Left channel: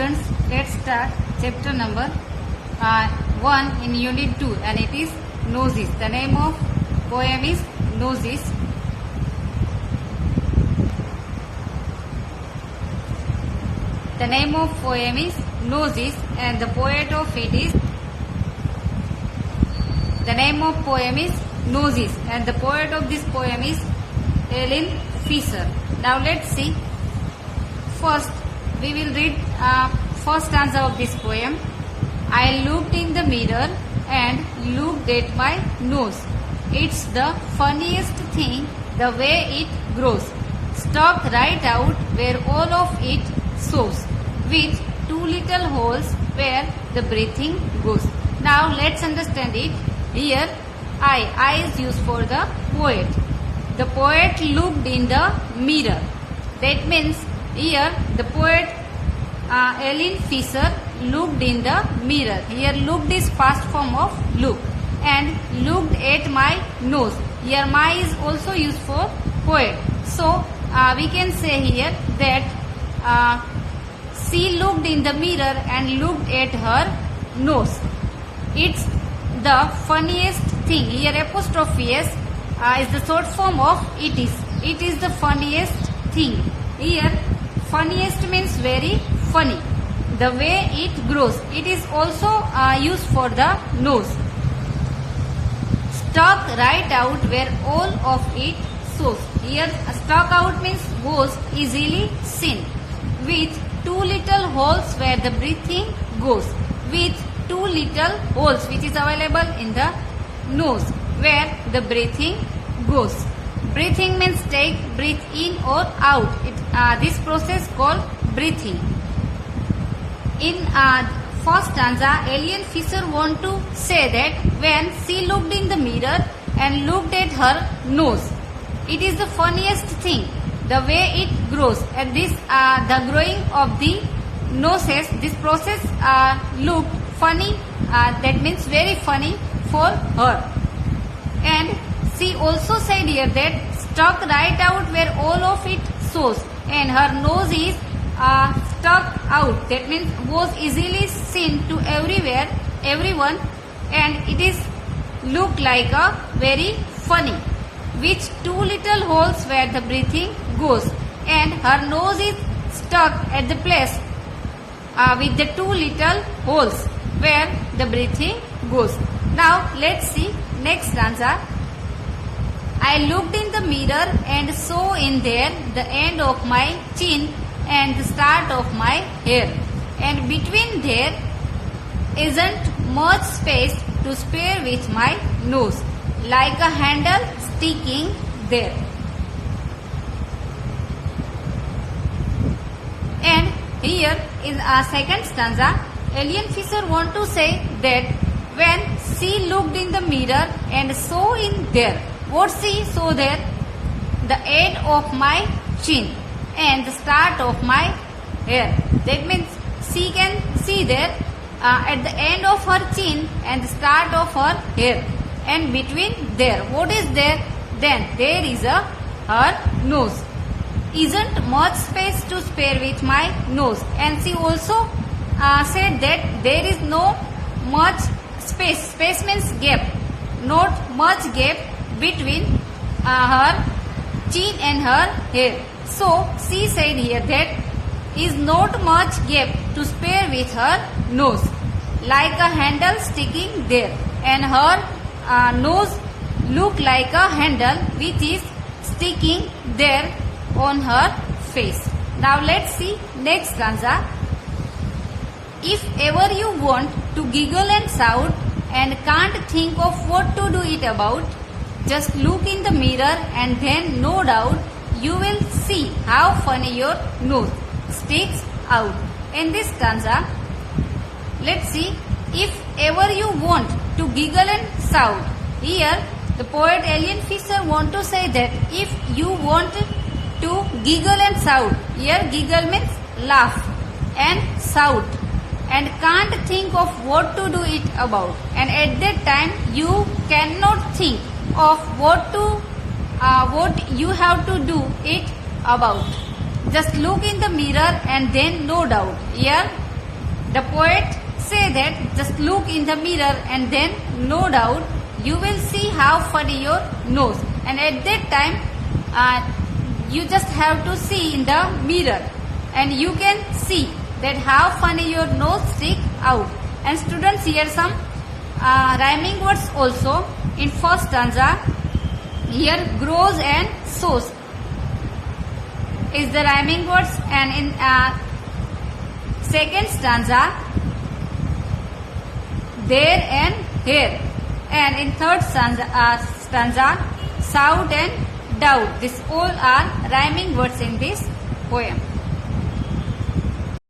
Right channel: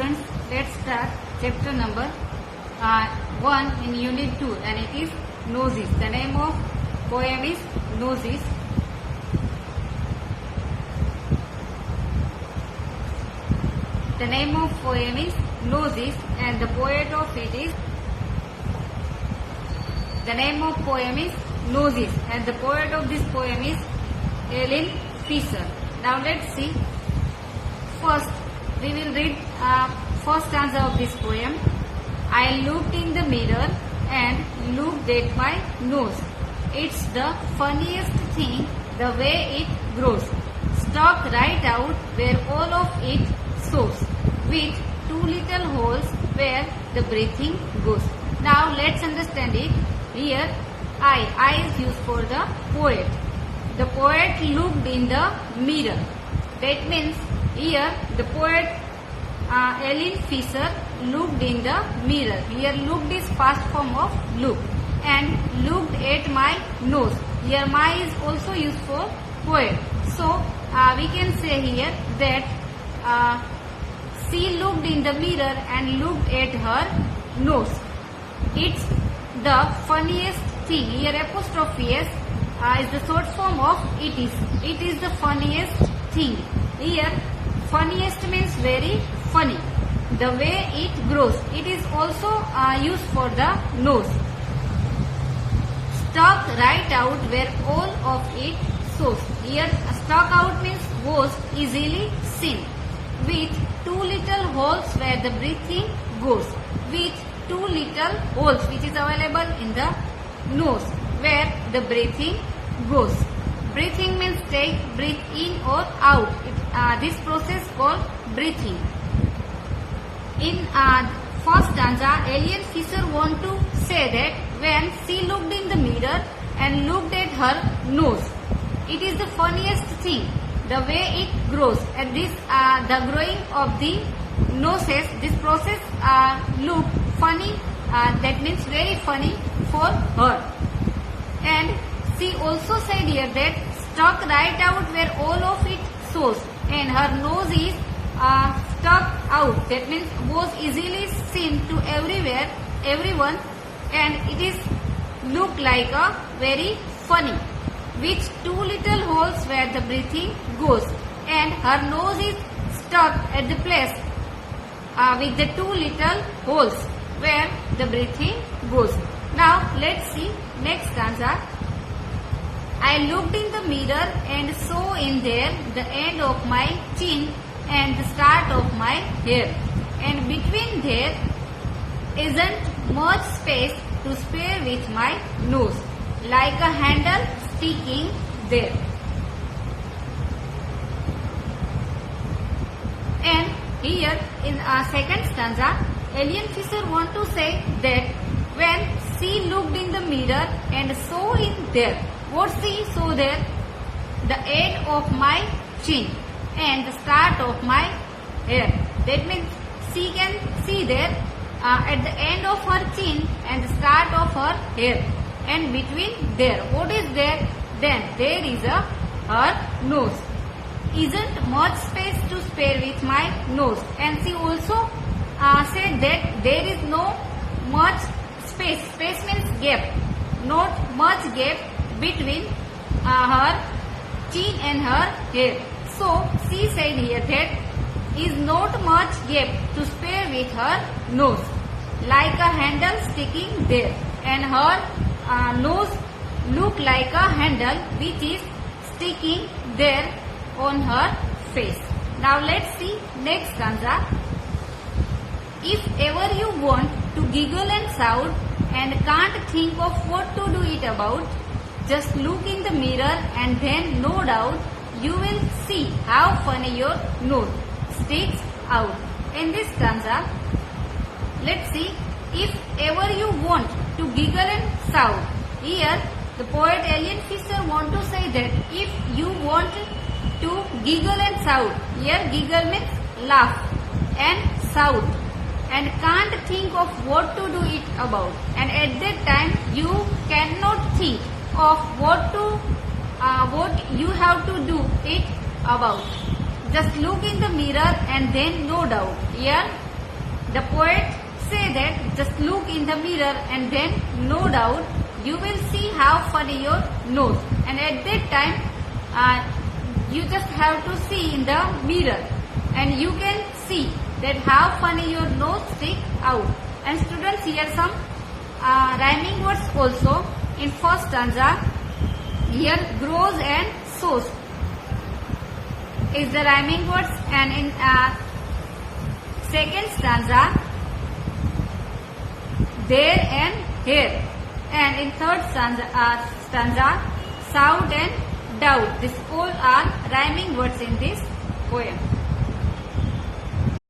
students, let's start chapter number 1 in unit 2, and it is Noses. The name of poem is Noses. The name of poem is Noses, and the poet of it is the name of poem is Noses, and the poet of this poem is Ellen Fisher. Now let's see. First, we will read first stanza of this poem. I looked in the mirror and looked at my nose. It's the funniest thing, the way it grows. Stuck right out where all of it shows, with two little holes where the breathing goes. Now let's understand it. Here, I is used for the poet. The poet looked in the mirror. That means here the poet Ellen Fisher looked in the mirror. Here looked is past form of look, and looked at my nose. Here my is also used for poet. So we can say here that she looked in the mirror and looked at her nose. It's the funniest thing. Here apostrophe s is the short form of it is. It is the funniest thing. Here funniest means very funny. The way it grows. It is also used for the nose. Stuck right out where all of it shows. Here stuck out means goes easily seen. With two little holes where the breathing goes. With two little holes which is available in the nose where the breathing goes. Breathing means take breathe in or out. This process called breathing. In first stanza, Ellen Fisher want to say that when she looked in the mirror and looked at her nose, it is the funniest thing, the way it grows. And this, the growing of the noses, this process looked funny. That means very funny for her. And she also said here that stuck right out where all of it shows, and her nose is stuck out. That means was easily seen to everywhere, everyone, and it is look like a very funny, with two little holes where the breathing goes, and her nose is stuck at the place with the two little holes where the breathing goes. Now let's see next stanza. I looked in the mirror and saw in there the end of my chin and the start of my hair, and between there isn't much space to spare with my nose, like a handle sticking there. And here in our second stanza, Ellen Fisher want to say that when she looked in the mirror and saw in there, what she saw there? The end of my chin and the start of my hair. That means she can see there at the end of her chin and the start of her hair, and between there, what is there? Then there is her nose. Isn't much space to spare with my nose. And she also said that there is no much space. Space means gap. Not much gap between her chin and her hair. So she said here that is not much gap to spare with her nose, like a handle sticking there, and her nose look like a handle which is sticking there on her face. Now let's see next stanza. If ever you want to giggle and shout and can't think of what to do it about, just look in the mirror and then no doubt you will see how funny your nose sticks out. In this stanza, let's see. If ever you want to giggle and shout. Here the poet Ellen Fisher want to say that if you want to giggle and shout, here giggle means laugh and shout, and can't think of what to do it about, and at that time you cannot think of what you have to do it about. Just look in the mirror and then no doubt. Here The poet say that just look in the mirror and then no doubt you will see how funny your nose. And at that time you just have to see in the mirror and you can see that how funny your nose stick out. And students, here some rhyming words also. In first stanza, here grows and sows is the rhyming words, and in second stanza, there and here, and in third stanza, shout and doubt. These all are rhyming words in this poem.